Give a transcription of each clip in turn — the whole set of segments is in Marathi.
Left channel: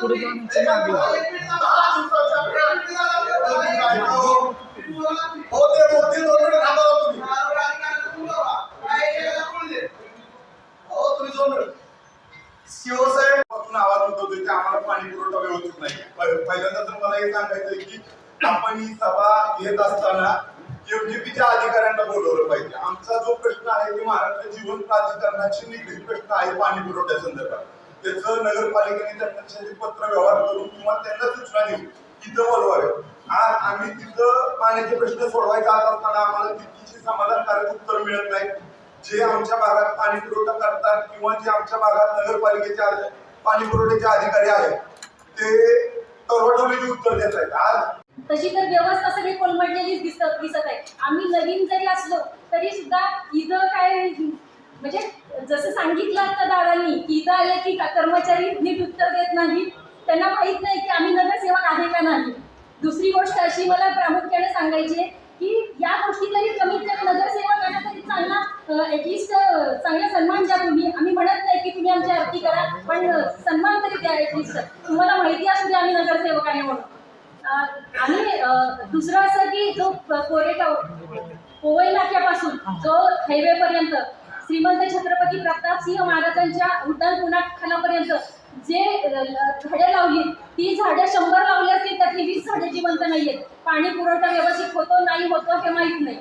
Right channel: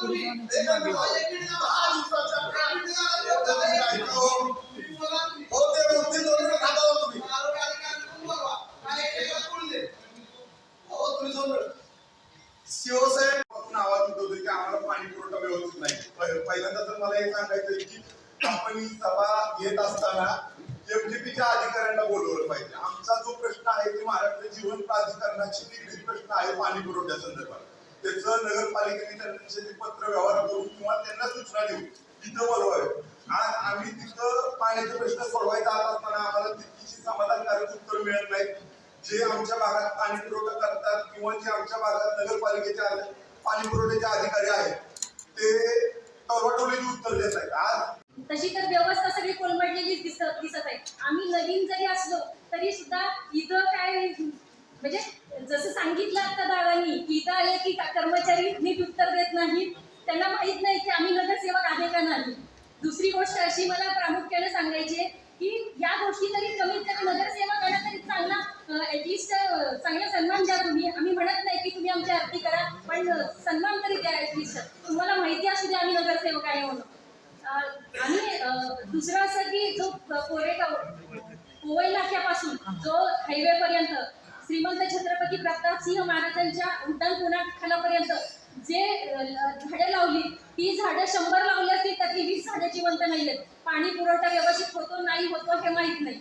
पुढे शिवसाहेब आवाज उठवतोय की आम्हाला पाणी पुरवठा व्यवस्थित नाही. पहिल्यांदा तर मला हे सांगायचंय की आपण ही सभा घेत असताना एमजीपीच्या अधिकाऱ्यांना बोलवलं पाहिजे. आमचा जो प्रश्न आहे ते महाराष्ट्र जीवन प्राधिकरणाशी निगडीत प्रश्न आहे पाणी पुरवठ्यासंदर्भात. त्याचं नगरपालिकेने त्यांच्याशी पत्र व्यवहार करून किंवा त्यांना सूचना देऊ तिथं बोलवावे. आज आम्ही तिथं पाण्याचे प्रश्न सोडवायचा असताना आम्हाला तितकीशी समाधानकारक उत्तर मिळत नाही. जे आमच्या भागात पाणी पुरवठा करतात किंवा जे आमच्या भागात नगरपालिकेचे पाणी पुरवठ्याचे अधिकारी आहेत ते टोलटोलीची उत्तर देत आहेत. आज तशी तर व्यवस्था सगळी कोलमडलेलीच दिसत आहे. आम्ही नवीन जरी असलो तरी सुद्धा इथं काय म्हणजे जसं सांगितलं आता दादांनी की इथं आले की कर्मचारी नीट उत्तर देत नाहीत. त्यांना माहित नाही की आम्ही नगरसेवक आहे का नाही. दुसरी गोष्ट अशी मला प्रामुख्याने सांगायची की या गोष्टी तरी कमीत कमी नगरसेवकांना तरी चांगला ऍटलिस्ट चांगला सन्मान द्या तुम्ही. आम्ही म्हणत नाही की तुम्ही आमची आरती करा, पण सन्मान तरी द्या. ऍटलिस्ट तुम्हाला माहिती असू द्या आम्ही नगरसेवक आहे म्हणून. आणि दुसरं असं की जो कोरेगाव पोवई नाक्यापासून जो हायवे पर्यंत श्रीमंत छत्रपती प्रतापसिंह महाराजांच्या उड्डाण पुण्याखानापर्यंत जे झाडे लावली ती झाडं 100 लावली असतील त्यातली 20 झाडे जिवंत नाहीयेत. पाणी पुरवठा व्यवस्थित होतो नाही होतो हे माहीत नाही.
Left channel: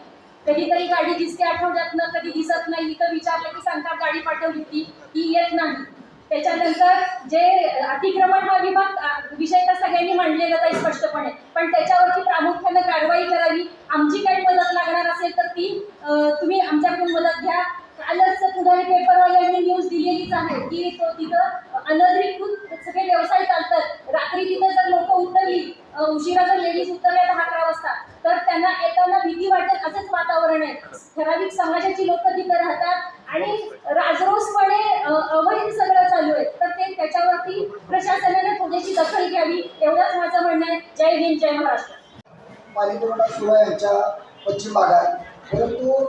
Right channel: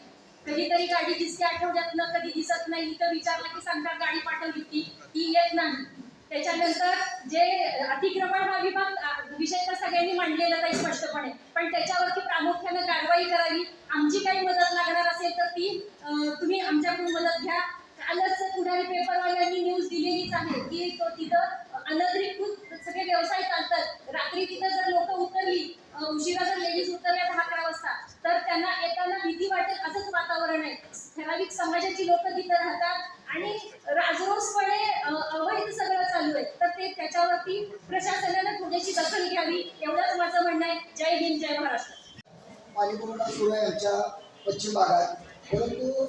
कधीतरी गाडी दिसते आठवड्यातनं, कधी दिसत नाही. इथं विचारलं की सांगतात गाडी पाठवली ती येत नाही. त्याच्यानंतर जे अतिक्रमण हा विभाग विषय तर सगळ्यांनी मांडलेलाच आहे स्पष्टपणे, पण त्याच्यावरती प्रामुख्यानं कारवाई करावी. आमची काही मदत लागणार असेल तर ती तुम्ही आमच्याकडून मदत घ्या. कालच पुढारी पेपरवाल्यांनी न्यूज दिलेलीच आहे की तो तिथं अनधिकृत सगळे व्यवसाय चालतात. रात्री तिथं जर लोक उतरली, उशिरा जर लेडीज उतरल्या 10-11 वाजता, तर त्यांना येताना भीती वाटेल असंच वातावरण आहे. ठराविक समाजाची लोक तिथं राहतात आणि राजरोसपणे अवैध सगळं चालू आहे. तर ते त्याच्यावरती प्रशासनाने थोडीशी दखल घ्यावी एवढंच माझं म्हणणं आहे. जय हिंद, जय महाराष्ट्र. पाणी पुरवठा सुरू आहे आमच्या पश्चिम भागात, परंतु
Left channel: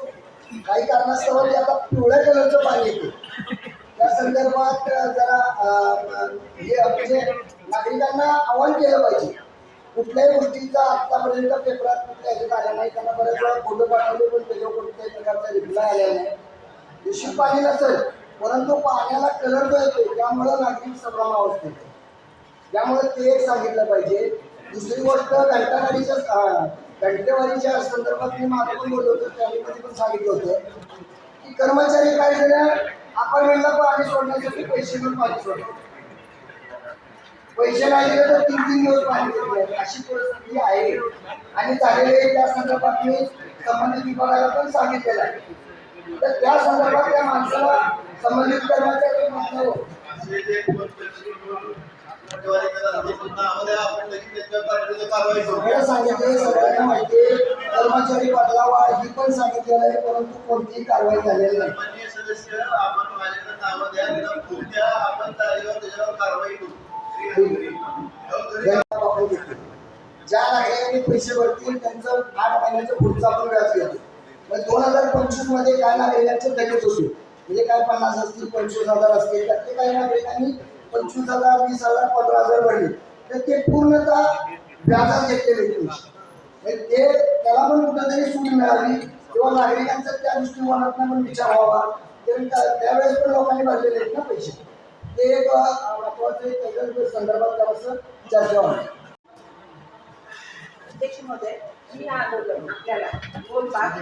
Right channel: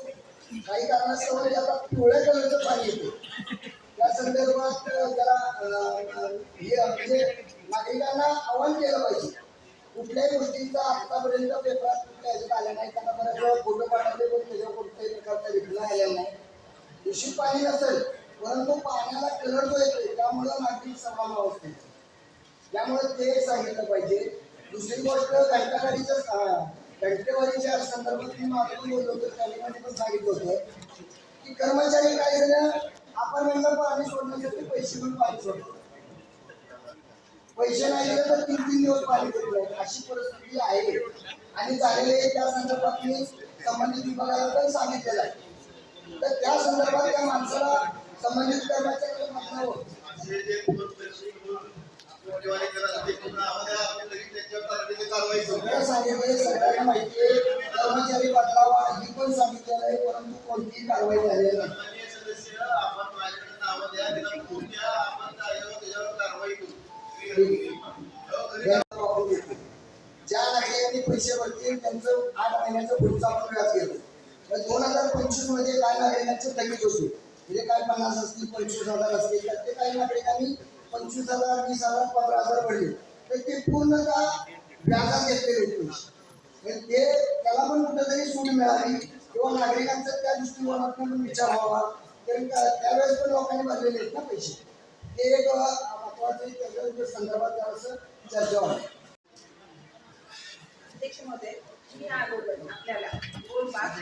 काही कारणास्तव जे आता पिवळ्या कलरचं पाणी येते त्या संदर्भात जरा हे म्हणजे नागरिकांना आवाहन केलं पाहिजे. कुठल्याही गोष्टीचा आतापर्यंत पेपरात कुठल्या ह्याच्यात आल्या नाही. त्यांना बरेच वेळा फोटो पाठवले पण त्याच्यावर कोणत्याही प्रकारचा रिप्लाय आलेला नाही. दूषित पाणी नसेल परंतु पाण्याला कलर जो येतो त्यामुळं नागरिक संभ्रम अवस्थेत, त्यामुळे ते सांगितलं पाहिजे. दुसरी गोष्ट घंटेवारीच्या संदर्भात मी मागे पण बोललो होतो, त्यावेळी पण सांगितलं होतं की कर्मचारी काही जण अपार्टमेंटला पाणी सोडण्यासाठी पैसे घेऊन पाणी सोडतात. पैसे नाही दिले तर 3-3 दिवस पाणी देत नाही, अशी परिस्थिती आहे. आणि झालेले त्या संदर्भात मी संबंधित विभागाला पण सांगितलेलं आहे. तर त्या संदर्भात त्या माणसाला संबंधित कर्मचारी म्हटल्यावर सांगितले सगळ्यांना माहिती आहे. कर्मचारी बदलावा ही पण सांगितलेलं आहे, परंतु कोणतीही कारवाई झालेली नाही. ज्या नागरिकांनी पैसे भरतील त्यांचं 8 महिन्याचं पुढचं आपण व्याज घेतो. मग 2025 मध्ये काय नागरिकांचे थकीत होते म्हणजे काय 50 असतील 25,000 असतील, त्यातले काही नागरिकांनी 25,000 20,000 15,000 भरले तर ते पूर्णतः व्याजात घेतलेले पैसे. ते त्याला पण कुठेतरी सूट मिळावी किंवा नागरिकांचा त्या दृष्टिकोनातून पण विचार व्हावा. त्यावेळेस पण लोकांनी भरलेले आहेत ना पैसे. ते एक महत्वाचं त्याच्या संदर्भात जरासं चर्चा व्हावी. अध्यक्ष महोदय, मी ना आपल्याला बोलबाग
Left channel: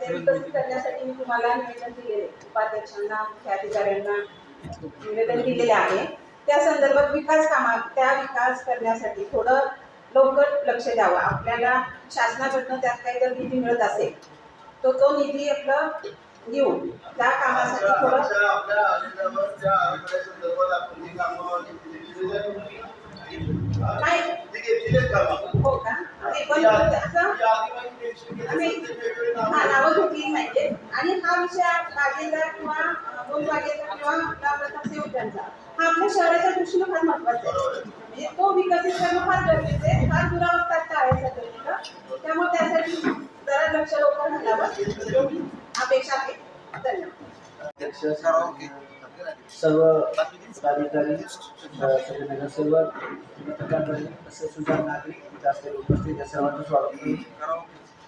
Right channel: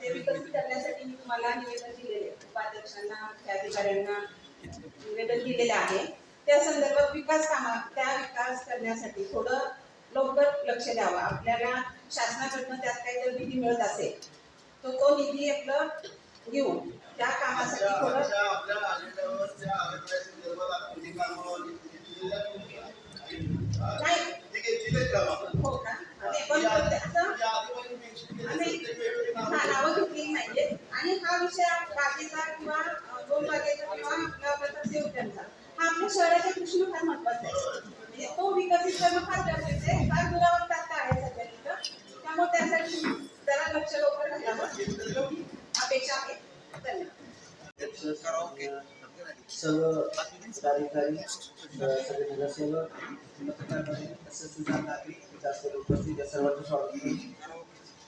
ते विकसित करण्यासाठी मी तुम्हाला निवेदन दिलेले, उपाध्यक्षांना मुख्याधिकाऱ्यांना निवेदन दिलेले आहे. त्या संदर्भात त्या विकास करण्यासाठी थोडं लवकर लक्ष द्यावं. आपल्याला शासनाकडनं त्यात काही जर निधी मिळत असेल तर तो निधी आपलं देऊ त्या कामासाठी थोडं हो का नावं घेतली नाहीये. आणि हा विषय मागेचा किंवा गोलबागेचा किंवा लावण्याचा उद्यानचा हा आपल्या शहराच्या दृष्टीने फार महत्वाचा आहे. म्हणजे तो विकसित करणं फार गरजेचं आहे. फार दुरावस्था आहे सध्या तिथं, त्यामुळे त्यासाठी जरा लक्ष लवकर घालावं अपेक्षा आहे. धन्यवाद. अध्यक्ष, सर्व पदाधिकारी, सगळे नगरसेवक, पत्रकार तसेच सुजाण नागरिक इथे असलेले उपस्थित या सर्वांचं स्वागत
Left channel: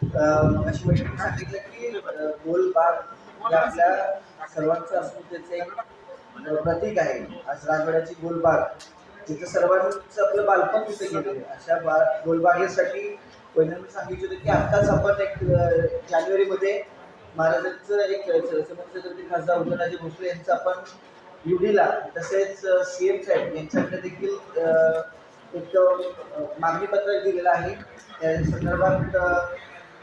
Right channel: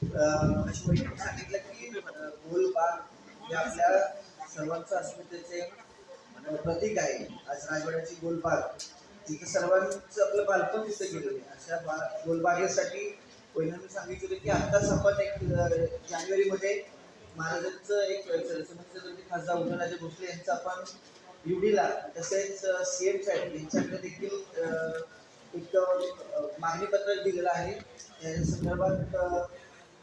करून अशी बैठक सांगितलं की गोलबाग हे आपल्या सर्वांचं अस्मितेचे एक प्रतीक आहे. आज राजवाड्याची गोलबाग तिथं सर्वांचं आपलं बालपण तिथे गेलेलं आहे. अशा गोलबागेसाठी पहिल्यांदा सांगितलं होतं की आत्ताच आपण एक जानेवारीमध्ये महाराजांचं एक छत्रपती खासदार उदयनराजे भोसले यांचं आपण युडीला तसेच CM साहेब यांच्याकडे देखील एक मागणी पत्र दिलेलं आहे. त्या संदर्भात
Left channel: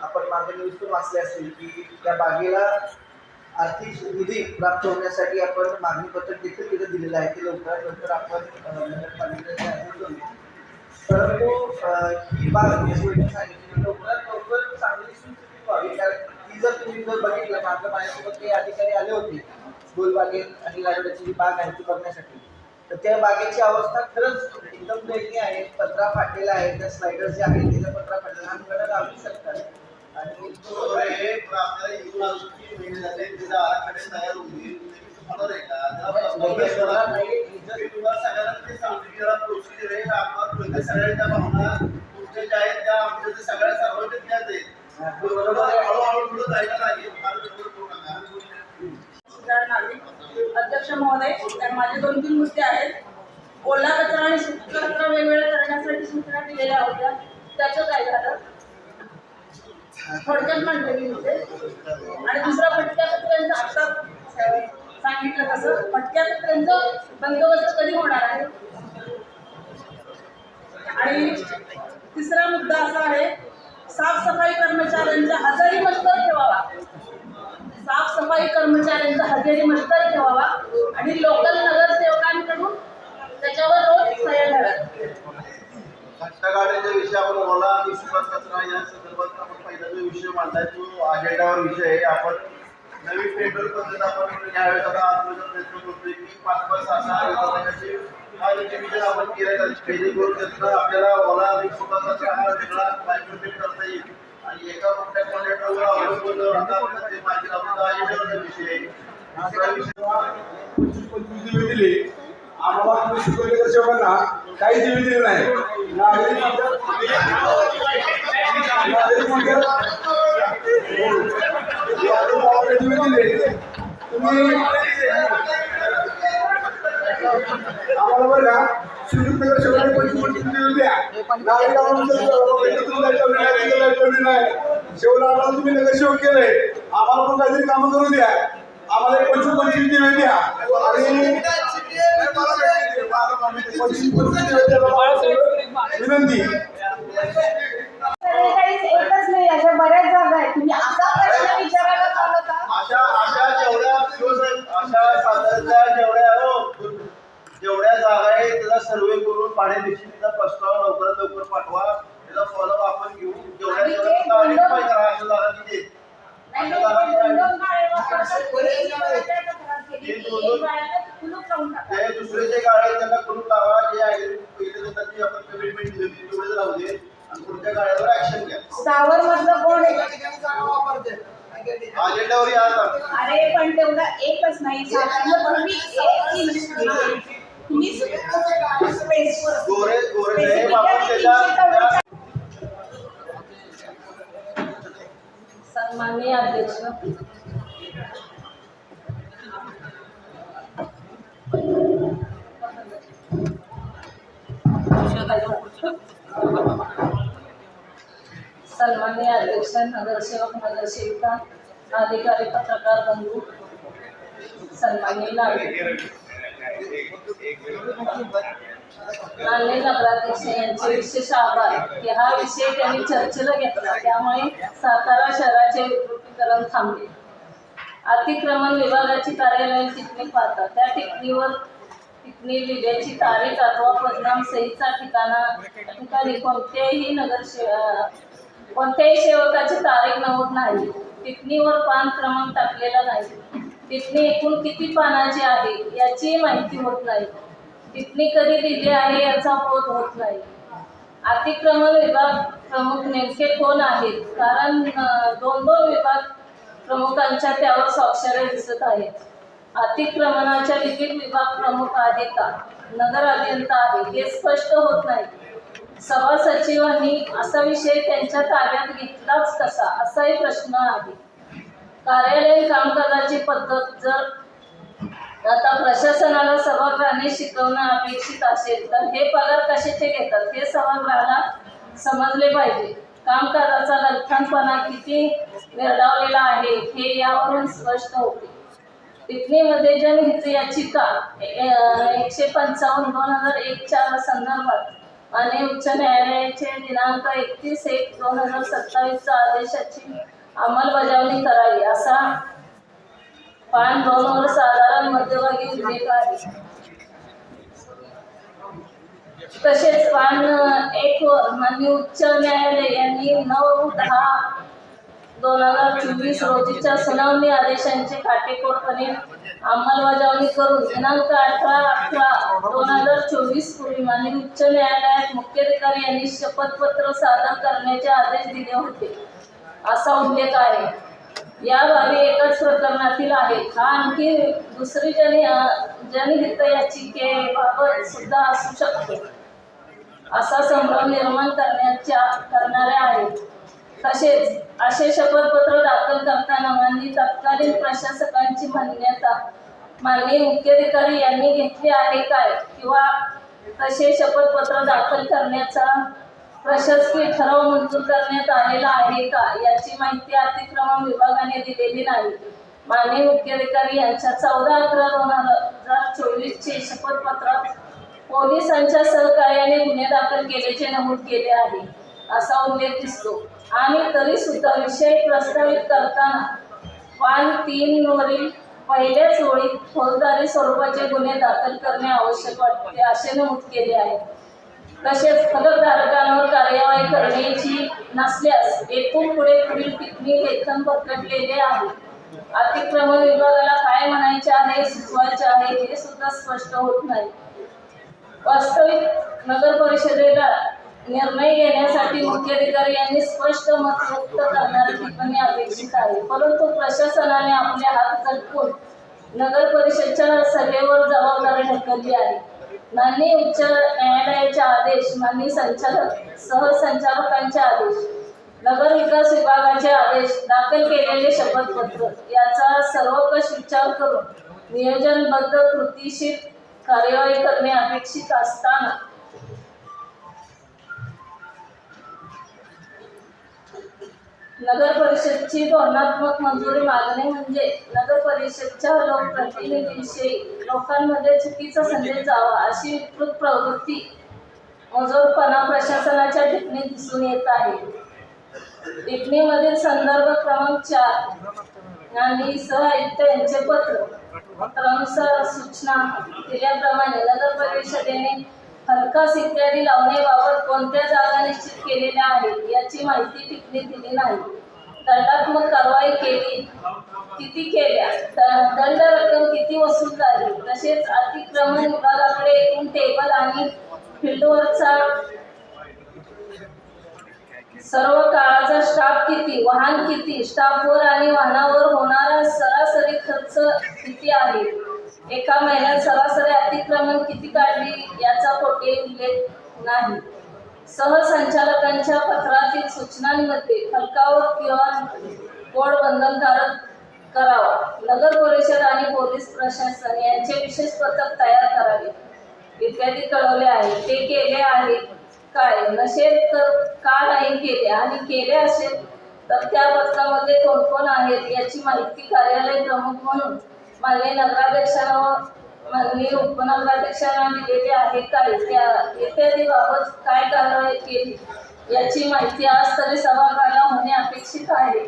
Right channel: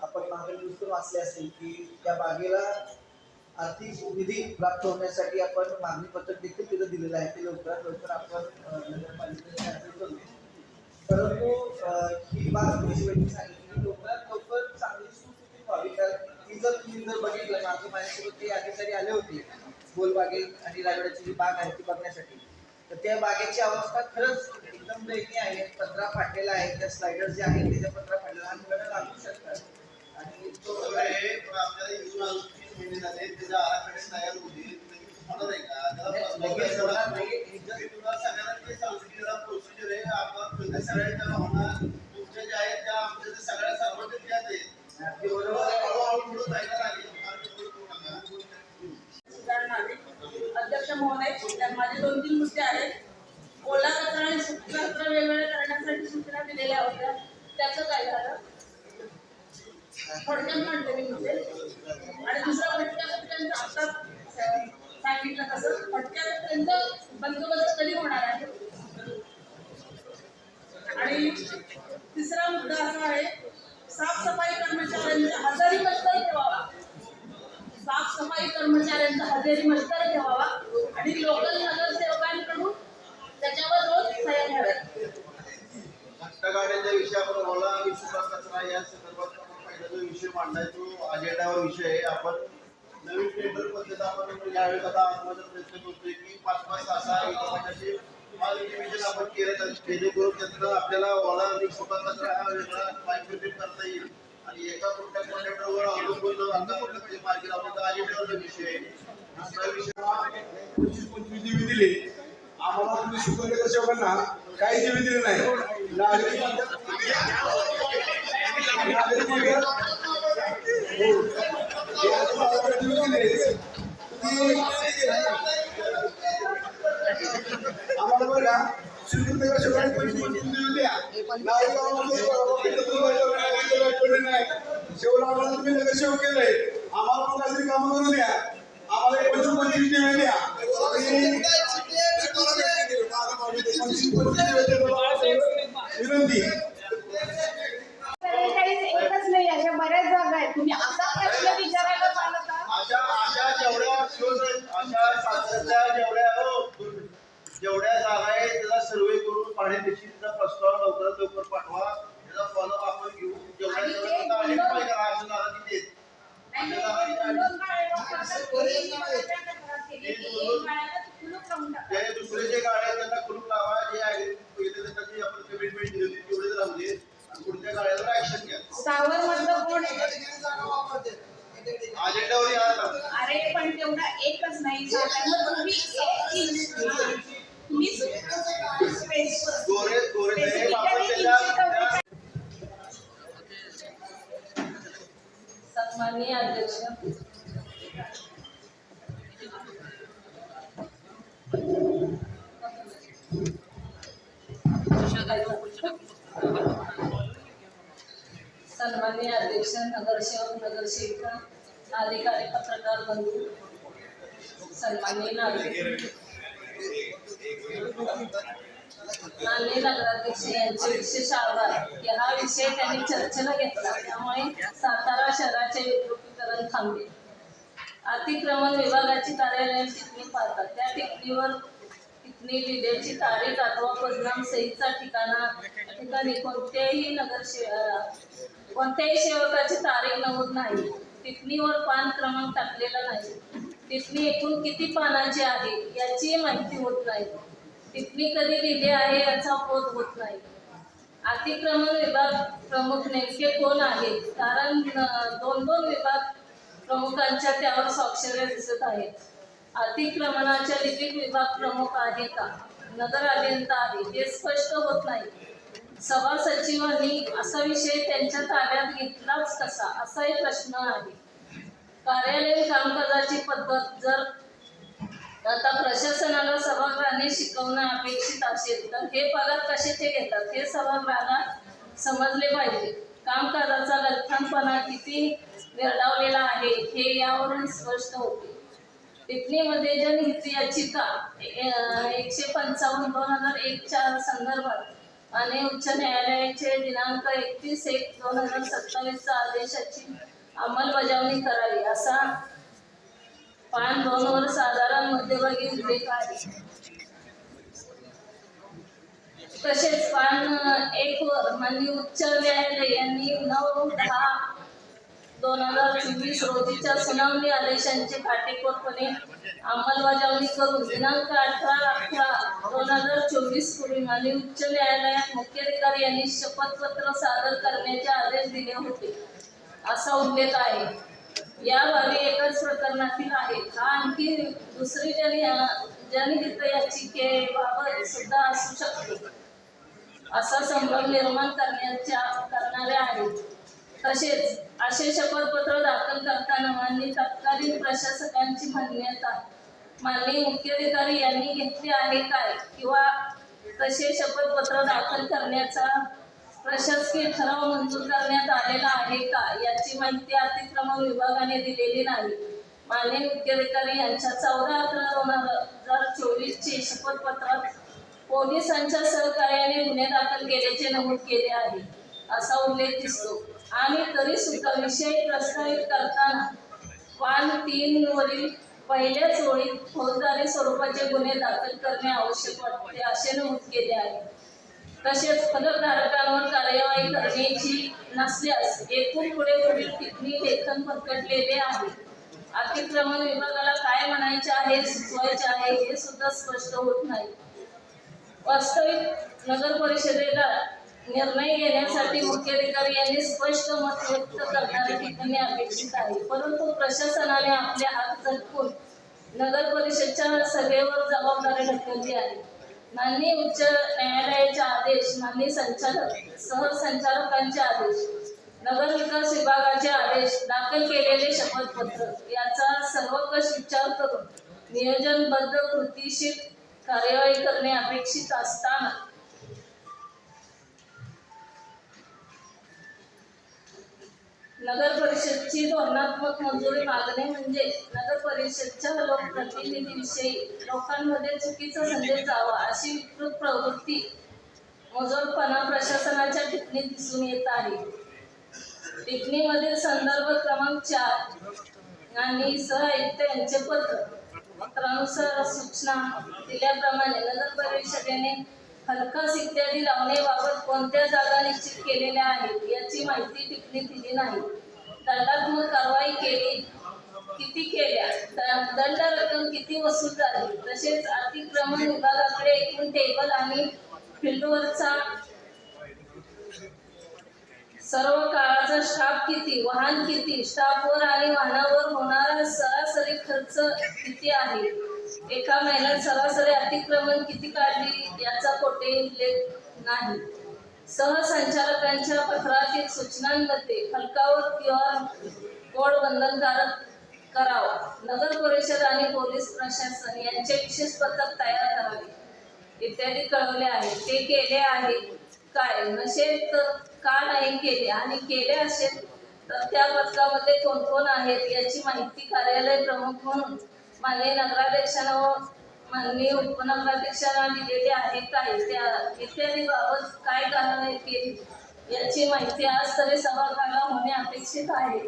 आपण मागे न्यूज पण वाचले असतील की त्या बागेला आर्थिक निधी प्राप्त होण्यासाठी आपण मागणी पत्र देखील तिथं दिलेलं आहे. ते लवकरात लवकर आपण नगरपालिकेच्या हाती करू. परंतु ही बाग सांगितली लवकरात लवकर चांगली सुस्थितीत व्हावी. कारण ती जर तुम्ही जर बघितलं मागं माझ्यासोबत ते अधिकारी आले होते गोलबागेत आणि राजवाड्याची जी बाग आहे ती बघण्यासाठी, तर त्या बागेची अवस्था खरंच एकदम दयनीय आहे. पत्रा फाटलेला आहे, त्या स्लायडर जे आहेत त्याच्या पत्रा फाटलेला आमच्याकडे लावू शकतात. आणि आपल्याला येऊन अजून 3 महिने झाले त्याचा आराखडे तयार होईल लगेच होणार नाही. तुला सगळ्यांना ते सांगते की जरा प्रोसिजर आहे आपल्याला सगळ्यांच्या भावना तुमच्या ज्या आहेत त्या आमच्या ते सगळ्या सर्वांच्या त्याच आहेत. बरोबर हळूहळू पुढे जायला लागेल. अध्यक्ष महोदय, तर माझे 2-3 मुद्दे आहेत. ओला कचरा आणि सुका कचरा वेगवेगळा करण्यासाठी सूचना दिलेल्या होत्या, त्याचं काय झालं? थोडक्यात म्हणते मी मुद्दे. आणि दुसरा फटक्या कचऱ्यांचा आता सांगितलं तसं फटक्या कचऱ्यांचं बंदोबस्त कधी होणार आहे? आणि तिसरा मुद्दा असा आहे, साफसफाई कर्मचाऱ्यांचा हजेरी मस्तर ठेवावा. साफसफाई कर्मचाऱ्यांचा हजेरी मस्तर ठेवावा आणि लोकल नगरसेवकांकडून त्याच्यावर रोज सह्या घ्याव्यात. घटनागाड्याच्या विषय आपण ओला आणि सुका कचरा या संदर्भात आपण पहिला जो विषय मांडलाय तो अजेंडावर विषय आहे. आपण नवीन टेंडर पद्धत आपण यावेळेस आता आत्मसात प्रयत्न करतोय की 5-5, 6-6 विभागाचे डिव्हिजन आपण केलं जाईल. जेणेकरून त्यातनं आपल्याला ओला आणि सुका कचरा हा वेगळा बायफर्केट करता येईल आणि एका मोठ्या कॉन्ट्रॅक्टरवर अवलंबून आता ते मार्केट आपण अजेंडावरचा विषय आहे. दुसरा विषय 25 दिवे दिले आम्हाला. तुम्ही शिकवले तर शेवकांना काही दिवे दिले नाही. नागरिक दिवे दिले तुम्ही आम्हाला बरं का. श्रीकृष्ण शेवकांनी 25 दिवे द्या. नागरिक नाही शेवला आम्हाला तुम्ही नगरसेवक केलंय, आम्हाला पण काहीतरी कामं करू द्या. आम्हाला 25 दिवे द्या आणि 25 विनंती. एकच नाही, अशा बऱ्याच जागा आहेत. तुम्ही असा प्रश्न विचारायला चालत अशा साताऱ्याच्या जेवढ्या जागा आहेत त्याचा सर्वे करून पाण्यानिश्चितीचा प्रस्ताव लवकरात लवकर पाठवा. त्याचा फॉलोअप आपण घेऊ. जेवढ्या अशा जागा किती ते दुसरे जे गाड्या त्यांना कुलूप लावा. जे त्याची आपण कमिटमेंट दिली होती तेवढेच राहू दे आणि पुढच्या गाड्यावर ऍक्शन घ्या. सावर मधलं कोण आहे? अजेंडावर या. अरे पण तेवढा एकच नाही, साधारण तुम्ही गोरे साहेब आपण त्याच्या सन्माननीय अध्यक्ष, सन्माननीय अध्यक्ष, नगरसेवक, नगरसेविका, अधिकारी, पत्रकार बंधू, सन्माननीय नागरिक, माननीय नगराध्यक्ष यांचे विशेष आभार की हा विषय त्यांनी चर्चेला घेतला, त्यामुळे सातारा शहराचे विद्युतीकरण थांबले. अतिक्रमण विभागाची कार्यालयीन टिप्पणी पाहतात त्या टिप्पणी लिहिण्याची तारीख अथवा परिणाम सहीचा ठिकाणी कोणत्याही सेवकाची तारीख नमूद नाही. टिप्पणीवर पान क्रमांक टाकलेला नाही. टिप्पणी एकूण किती पानाची आहे याची माहिती होत नाही. टिप्पणी कधी दिली आहे याचा बोध होत नाही. अतिक्रमण विभाग प्रमुख नेमके कोण आहेत? कारण 2 विभाग प्रमुखांच्या त्यावर स्वाक्षऱ्या दिसत आहेत. अतिक्रमणाच्या लिपिक विभाग प्रमुख आहे का, नगर अभियंता आहे हे स्पष्ट होत नाही. सभा सचिवांनी असा विषय त्यांच्या ताब्यात घेतलाच कसा असाही प्रश्न आहे. कार्यालयीन कामकाजाची पद्धत जर आता प्रशासनाला सभागृहाने शिकवणं अपेक्षित असेल तर हे पगार कशाचे घेतात हे सभागृहाला समजले पाहिजे. कामकाजाचा लठ्ठपणा किती निर्डावलेला आहे हे यावरून स्पष्ट होते. टिप्पणीमध्ये जनहित याचिका 155/2001 संदर्भात माननीय उच्च न्यायालयाचे दिनांक 31/1/2027 आदेशाची अंमलबजावणी करावी असा पान 2 वर साधारण मध्यभागी उल्लेख आहे. तसेच पान 1 वर माननीय उच्च न्यायालय यांनी 9/10/2024 रोजीच्या सुनावणी आदेशांची काटेकोरपणे अंमलबजावणी करून दिनांक 18/11/2024 पूर्वी माननीय उच्च न्यायालयात मुख्याधिकारी यांनी शपथपत्र सादर करण्याचे आदेश दिले होते असा उल्लेख आहे. या बाबी एकाच प्रकरणातील आहेत. हा आणखी दुसरी जनहित याचिकेबाबत सुद्धा असू शकतो असा संभ्रम निर्माण करणाऱ्या आहेत. तसेच असे शपथपत्र दाखल करताना माननीय तत्कालीन प्रशासकांची मान्यता माननीय मुख्याधिकारी यांनी घेतली आहे काय, किंवा तसे शपथपत्र दाखल करण्याचा प्रशासकीय ठराव मंजूर करण्यात आलेला आहे का याची माहिती अतिक्रमण विभागाने दिलेली नाही. माननीय मुख्याधिकारी यांच्या 14/11/2024 चे शपथपत्रात पोलिसांच्या सहकार्याने गुन्हे दाखल केल्याचे नमूद केले आहे असा उल्लेख दिसतो. आणि तरी सुद्धा विषय प्रस्तावित करताना पान 3 वरील पहिल्याच ओळीत फौजदारी स्वरूपाचे गुन्हे दाखल करणे आवश्यक वाटते असे नमूद केले आहे. तसेच फलकधारकांवर कार्यवाही करण्याची नसल्यास येथून पुढे पुढील टिप्पणी लेखन प्रकटलेले आहे. अतिक्रमण विभागाला काय म्हणायचे आहे, सुचवायचे आहे हे सुद्धा स्पष्ट होत नाही. वास्तविक नगर परिषदेला निर्णय घेण्यासाठी मुख्याधिकारी यांनी स्पष्ट मत व्यक्त करणारी टिप्पणी अपेक्षित आहे. परंतु प्रशासनाने आपले हात झटकून नगर परिषदेच्या सभेवर जबाबदारी ढकलली आहे. माननीय उच्च न्यायालयाचे आदेश, माननीय सहसंचालकांचे आदेश, नगर विकास विभागाचे आदेश, दाखल केलेले शपथपत्र याचा सर्वकष विचार करून नियोजनबद्ध कृतीशील कार्यवाही करणे अपेक्षित असताना नगर परिषदची धोरणात्मक मंजुरी मागणे म्हणजे नगर परिषदच्या लोकप्रतिनिधींविषयी लोकांमध्ये चुकीचा संदेश जावा अशी विकृत प्रवृत्ती मजोरपणा प्रशासनाच्या टिप्पणीत दिसून येत आहे. टिप्पणीमधील संदर्भ क्रमांक 4 आणि सहआयुक्त यांचे पत्र क्रमशः सूचना दिल्याप्रमाणे नगर परिषदेने हलकास इत्यादी लावण्याबाबत कोणत्या जागा निश्चित केलेल्या आहेत याची माहिती टिप्पणीत दिली नाही. दंडात्मक कारवाई किती केल्या, दंड रक्कम किती वसूल झाली, तसेच अतिक्रमण विभागाकडे एकूण टेबल आणि फील्डवरचा सर्व काळाचा स्टाफ किती, वाहन किती, स्टाफवर आणि वाहनावर होणारा सरासरी खर्च किती आहे, एका महिन्यात सरासरी अतिक्रमण किती काढली याचा कोठेही उल्लेख नाही. सहसंचालकांच्या पत्रातील सूचनांमध्ये फलकावर QR कोड बंधनकारक करावा, नगर परिषद आणि पोलीस प्रशासन यांचे विशेष पथक तयार करावे इत्यादी कळवले आहे. ते केले आहे काय, नसेल तर का नाही केले, आणि केले असेल तर त्या पथकामध्ये कोण कोण आहेत याची माहिती कार्यालय प्रमुख म्हणून माननीय नगराध्यक्षांना व माननीय उपनगराध्यक्षांना दिलेली आहे काय, इत्यादी बाबत काय कारवाई केली याची माहिती आज तरी सभागृहाला होणे अपेक्षित आहे.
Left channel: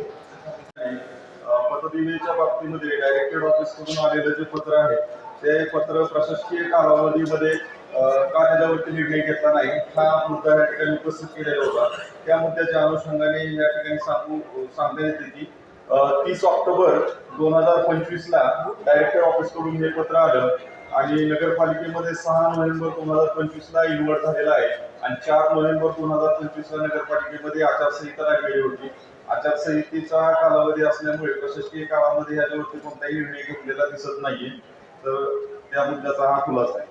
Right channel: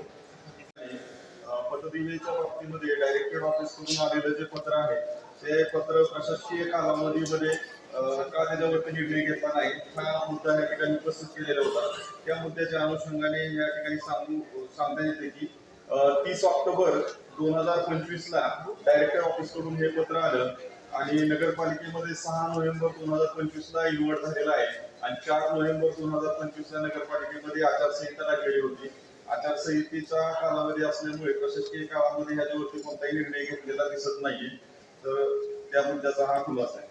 पतदिवेच्या बाबतीमध्ये डायरेक्टेड ऑफिस कडून आलेलं जे पत्र आहे ते पत्र प्रशासकीय कालावधीमध्ये का त्याच्यावरती निर्णय घेतला नाही हा मुद्दा या ठिकाणी उपस्थित केलेला होता. त्या मुद्द्याच्या अनुषंगाने या ठिकाणी सांगता येते की 30 ऑक्टोबर 2025ला डायरेक्टर ऑफिसकडून हे पत्र आलं आणि नगरपालिकेमध्ये 6 नोव्हेंबर 2025ला इन्व्हर्ट झालेला आहे आणि 4 नोव्हेंबर 2025ला नगरपालिकेमध्ये आचारसंहिता लागलेली होती. आचारसंहितेचा कालावधी असल्यामुळे प्रशासकीय काळामध्ये ह्याच्यावरती कोणताही निर्णय घेतलेला दिसत नाहीये. तर त्या मुद्द्याचा हा खुलासा आहे.